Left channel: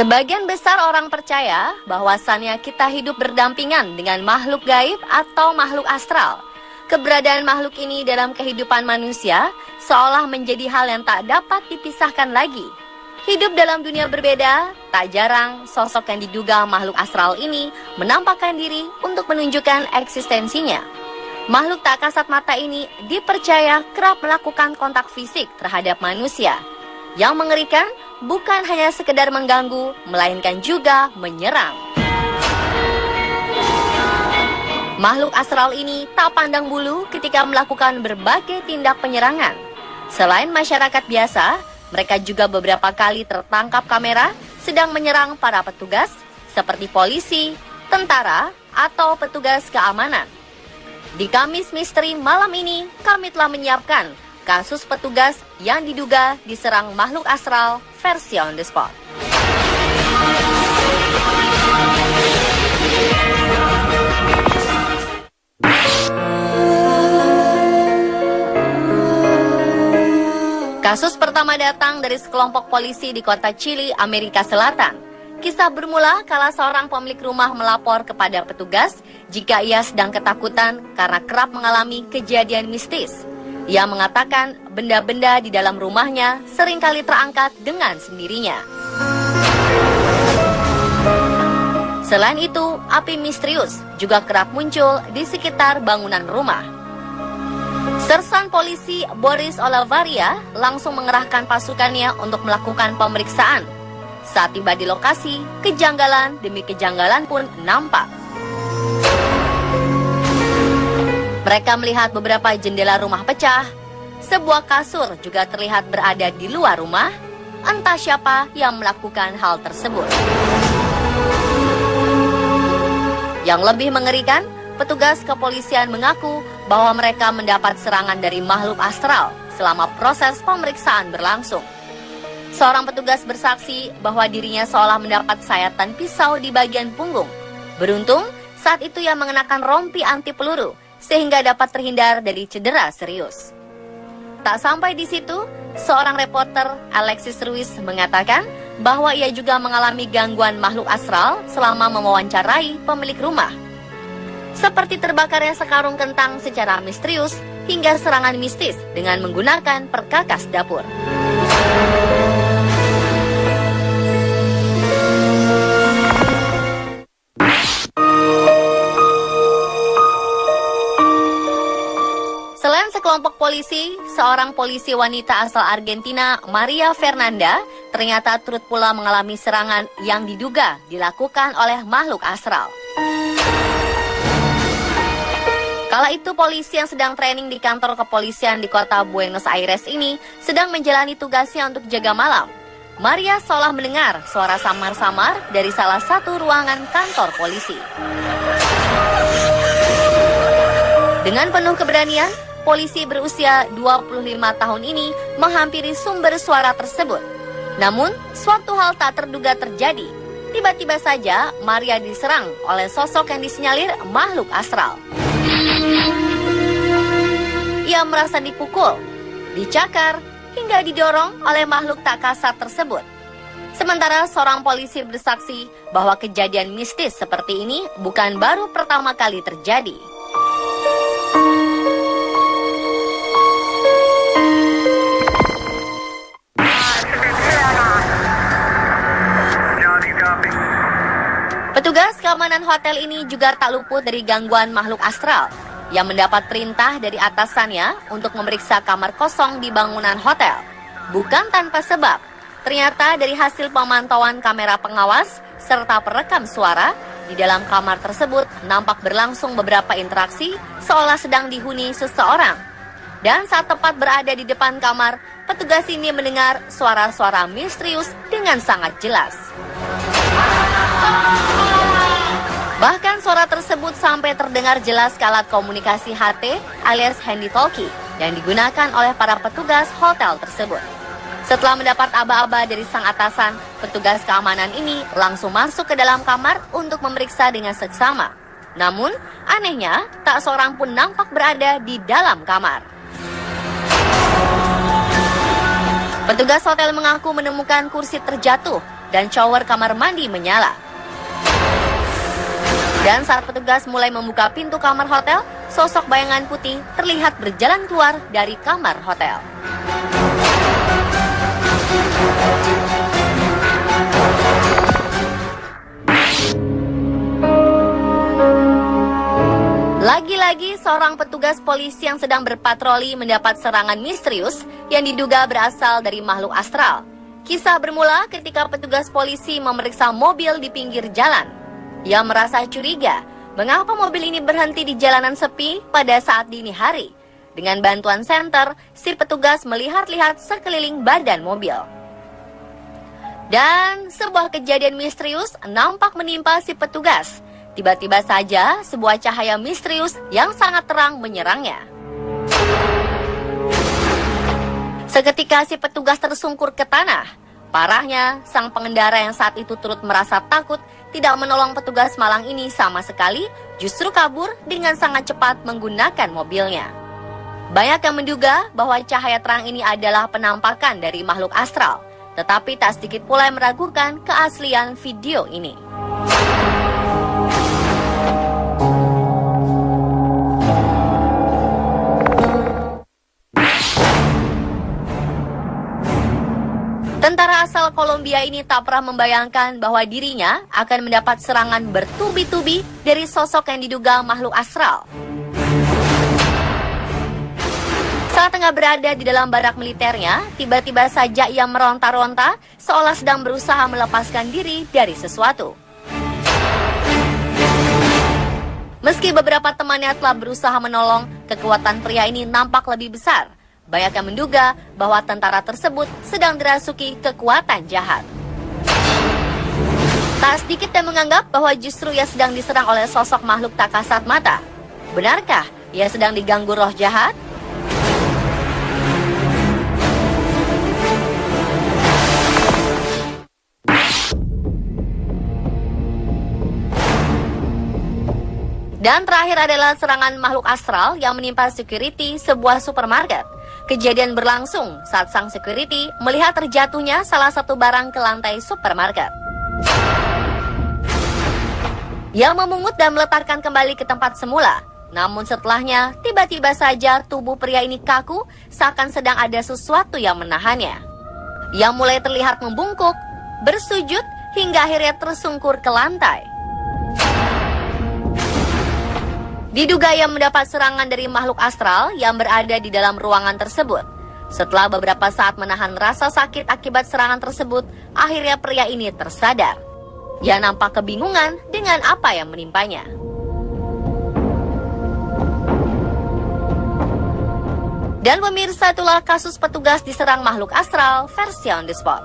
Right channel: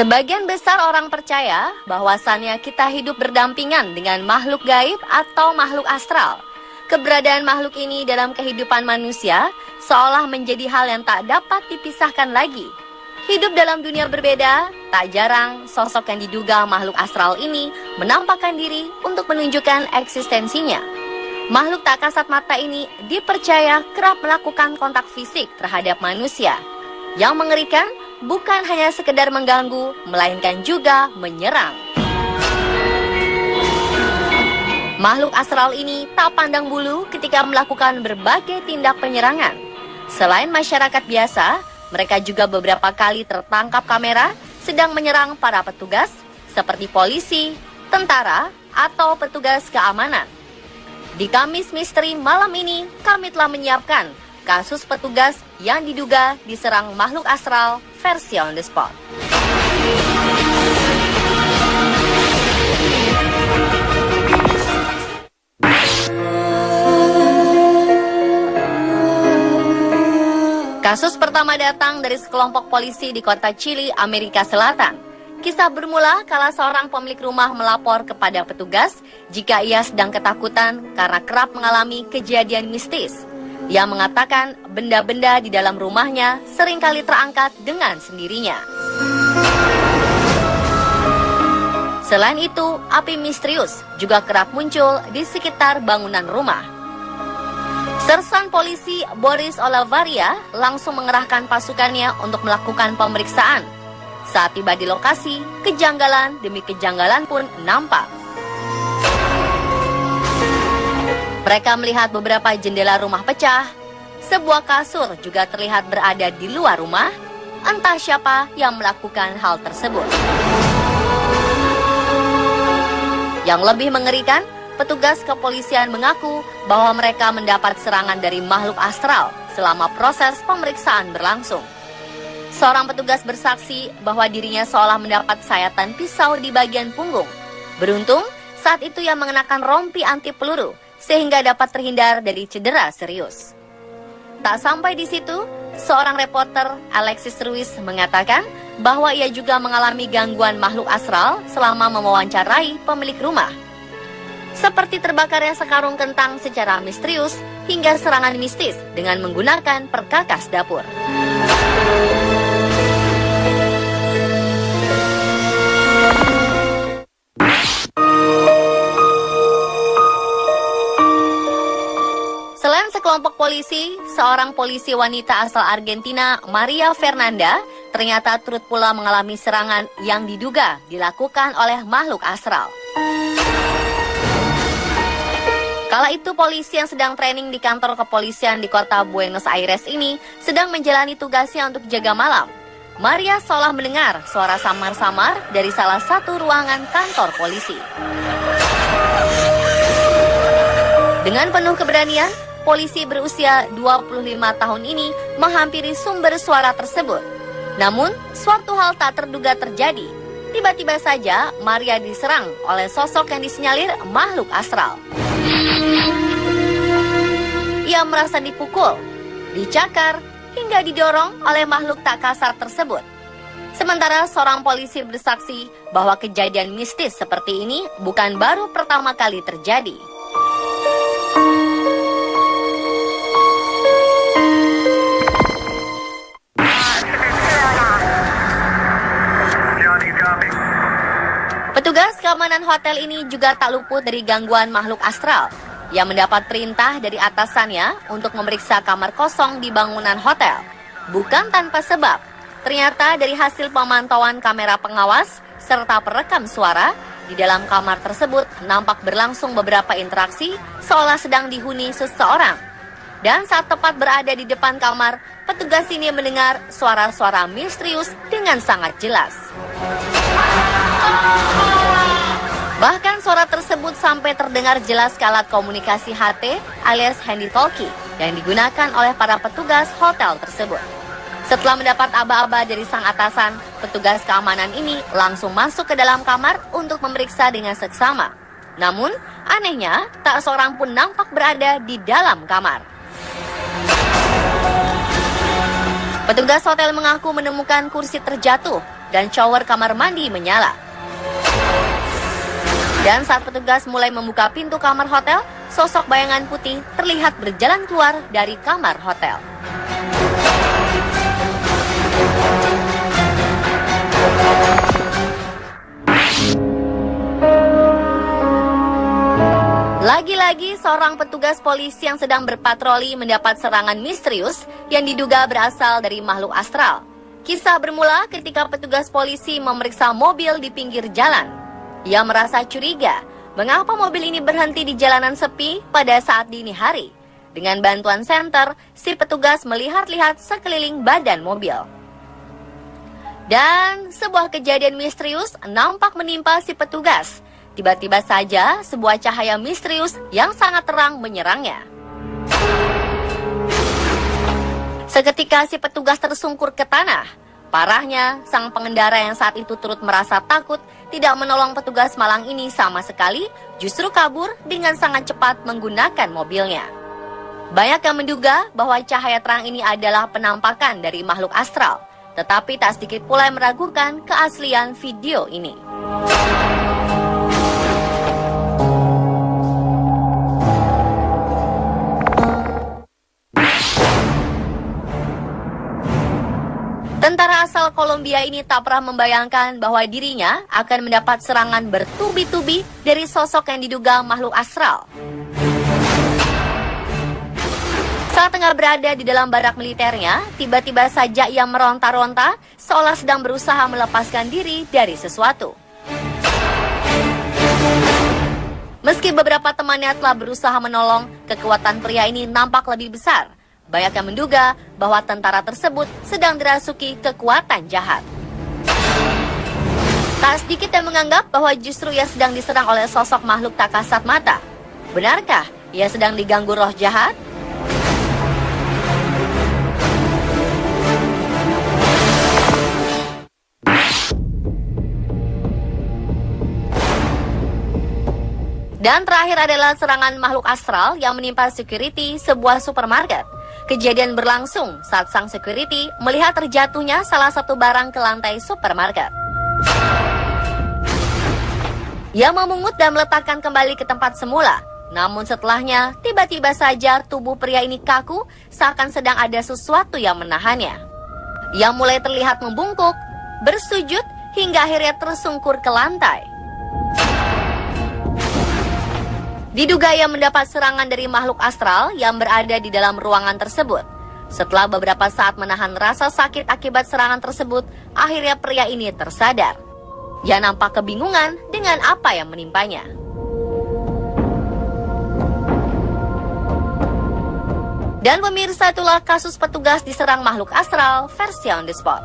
Sebagian besar orang percaya bahwasannya kita hidup berdampingan dengan makhluk gaib atau makhluk astral. Keberadaan makhluk ini dalam kehidupan manusia seolah menjadi hal yang tak dapat dipisahkan lagi. Hidup dalam dunia berbeda, tak jarang sosok yang diduga makhluk astral ini menampakkan diri untuk menunjukkan eksistensinya. Makhluk tak kasat mata ini dipercaya kerap melakukan kontak fisik terhadap manusia. Yang mengerikan bukan hanya sekedar mengganggu, melainkan juga menyerang. Makhluk astral ini tak pandang bulu ketika melakukan berbagai tindak penyerangan. Selain masyarakat biasa, mereka juga beberapa kali tertangkap kamera sedang menyerang para petugas seperti polisi, tentara, atau petugas keamanan. Di Kamis Misteri malam ini, kami telah menyiapkan kasus petugas yang diduga diserang makhluk astral versi on the spot. Kasus pertama datang dari sekelompok polisi di kota Chile, Amerika Selatan. Kisah bermula kala seorang pemilik rumah melapor kepada petugas jika ia sedang ketakutan karena kerap mengalami kejadian mistis. Ia mengatakan benda-benda di dalam rumahnya seringkali terangkat dengan sendirinya. Selain itu, api misterius juga kerap muncul di sekitar bangunan rumah. Sersan polisi Boris Olavaria langsung mengerahkan pasukannya untuk melakukan pemeriksaan. Saat tiba di lokasi, kejanggalan demi kejanggalan pun nampak. Mereka melihat beberapa jendela rumah pecah. Sebuah kasur juga terlihat berada di luar rumah. Entah siapa yang melakukan hal tersebut. Yang lebih mengerikan, petugas kepolisian mengaku bahwa mereka mendapat serangan dari makhluk astral selama proses pemeriksaan berlangsung. Seorang petugas bersaksi bahwa dirinya seolah mendapat sayatan pisau di bagian punggung. Beruntung, saat itu ia mengenakan rompi anti peluru sehingga dapat terhindar dari cedera serius. Tak sampai di situ, seorang reporter, Alexis Ruiz, mengatakan bahwa ia juga mengalami gangguan makhluk astral selama mewawancarai pemilik rumah. Seperti terbakarnya sekarung kentang secara misterius hingga serangan mistis dengan menggunakan perkakas dapur. Selain sekelompok polisi, seorang polisi wanita asal Argentina, Maria Fernanda, ternyata turut pula mengalami serangan yang diduga dilakukan oleh makhluk astral. Kala itu polisi yang sedang training di kantor kepolisian di kota Buenos Aires ini sedang menjalani tugasnya untuk jaga malam. Maria seolah mendengar suara samar-samar dari salah satu ruangan kantor polisi. Dengan penuh keberanian, polisi berusia 25 tahun ini menghampiri sumber suara tersebut. Namun, suatu hal tak terduga terjadi. Tiba-tiba saja, Maria diserang oleh sosok yang disinyalir makhluk astral. Ia merasa dipukul, dicakar, hingga didorong oleh makhluk tak kasat tersebut. Sementara seorang polisi bersaksi bahwa kejadian mistis seperti ini bukan baru pertama kali terjadi. Petugas keamanan hotel ini juga tak luput dari gangguan makhluk astral yang mendapat perintah dari atasannya untuk memeriksa kamar kosong di bangunan hotel. Bukan tanpa sebab, ternyata dari hasil pemantauan kamera pengawas serta perekam suara, di dalam kamar tersebut nampak berlangsung beberapa interaksi seolah sedang dihuni seseorang. Dan saat tepat berada di depan kamar, petugas ini mendengar suara-suara misterius dengan sangat jelas. Bahkan suara tersebut sampai terdengar jelas kala komunikasi HT alias handy talkie yang digunakan oleh para petugas hotel tersebut. Setelah mendapat aba-aba dari sang atasan, petugas keamanan ini langsung masuk ke dalam kamar untuk memeriksa dengan seksama. Namun, anehnya, tak seorang pun nampak berada di dalam kamar. Petugas hotel mengaku menemukan kursi terjatuh dan shower kamar mandi menyala. Dan saat petugas mulai membuka pintu kamar hotel, sosok bayangan putih terlihat berjalan keluar dari kamar hotel. Lagi-lagi seorang petugas polisi yang sedang berpatroli mendapat serangan misterius yang diduga berasal dari makhluk astral. Kisah bermula ketika petugas polisi memeriksa mobil di pinggir jalan. Ia merasa curiga, mengapa mobil ini berhenti di jalanan sepi pada saat dini hari. Dengan bantuan senter, si petugas melihat-lihat sekeliling badan mobil. Dan sebuah kejadian misterius nampak menimpa si petugas. Tiba-tiba saja sebuah cahaya misterius yang sangat terang menyerangnya. Seketika si petugas tersungkur ke tanah. Parahnya, sang pengendara yang saat itu turut merasa takut tidak menolong petugas malang ini sama sekali, justru kabur dengan sangat cepat menggunakan mobilnya. Banyak yang menduga bahwa cahaya terang ini adalah penampakan dari makhluk astral, tetapi tak sedikit pula yang meragukan keaslian video ini. Tentara asal Kolombia ini tak pernah membayangkan bahwa dirinya akan mendapat serangan bertubi-tubi dari sosok yang diduga makhluk astral. Saat tengah berada di dalam barak militernya, tiba-tiba saja ia meronta-ronta seolah sedang berusaha melepaskan diri dari sesuatu. Meski beberapa temannya telah berusaha menolong, kekuatan pria ini nampak lebih besar. Banyak yang menduga bahwa tentara tersebut sedang dirasuki kekuatan jahat. Tak sedikit yang menganggap bahwa justru ia sedang diserang oleh sosok makhluk tak kasat mata. Benarkah ia sedang diganggu roh jahat? Dan terakhir adalah serangan makhluk astral yang menimpa security sebuah supermarket. Kejadian berlangsung saat sang security melihat terjatuhnya salah satu barang ke lantai supermarket. Ia memungut dan meletakkan kembali ke tempat semula. Namun setelahnya, tiba-tiba saja tubuh pria ini kaku seakan sedang ada sesuatu yang menahannya. Ia mulai terlihat membungkuk, bersujud, hingga akhirnya tersungkur ke lantai. Diduga ia mendapat serangan dari makhluk astral yang berada di dalam ruangan tersebut. Setelah beberapa saat menahan rasa sakit akibat serangan tersebut, akhirnya pria ini tersadar. Ia nampak kebingungan dengan apa yang menimpanya. Dan pemirsa, itulah kasus petugas diserang makhluk astral versi on the spot.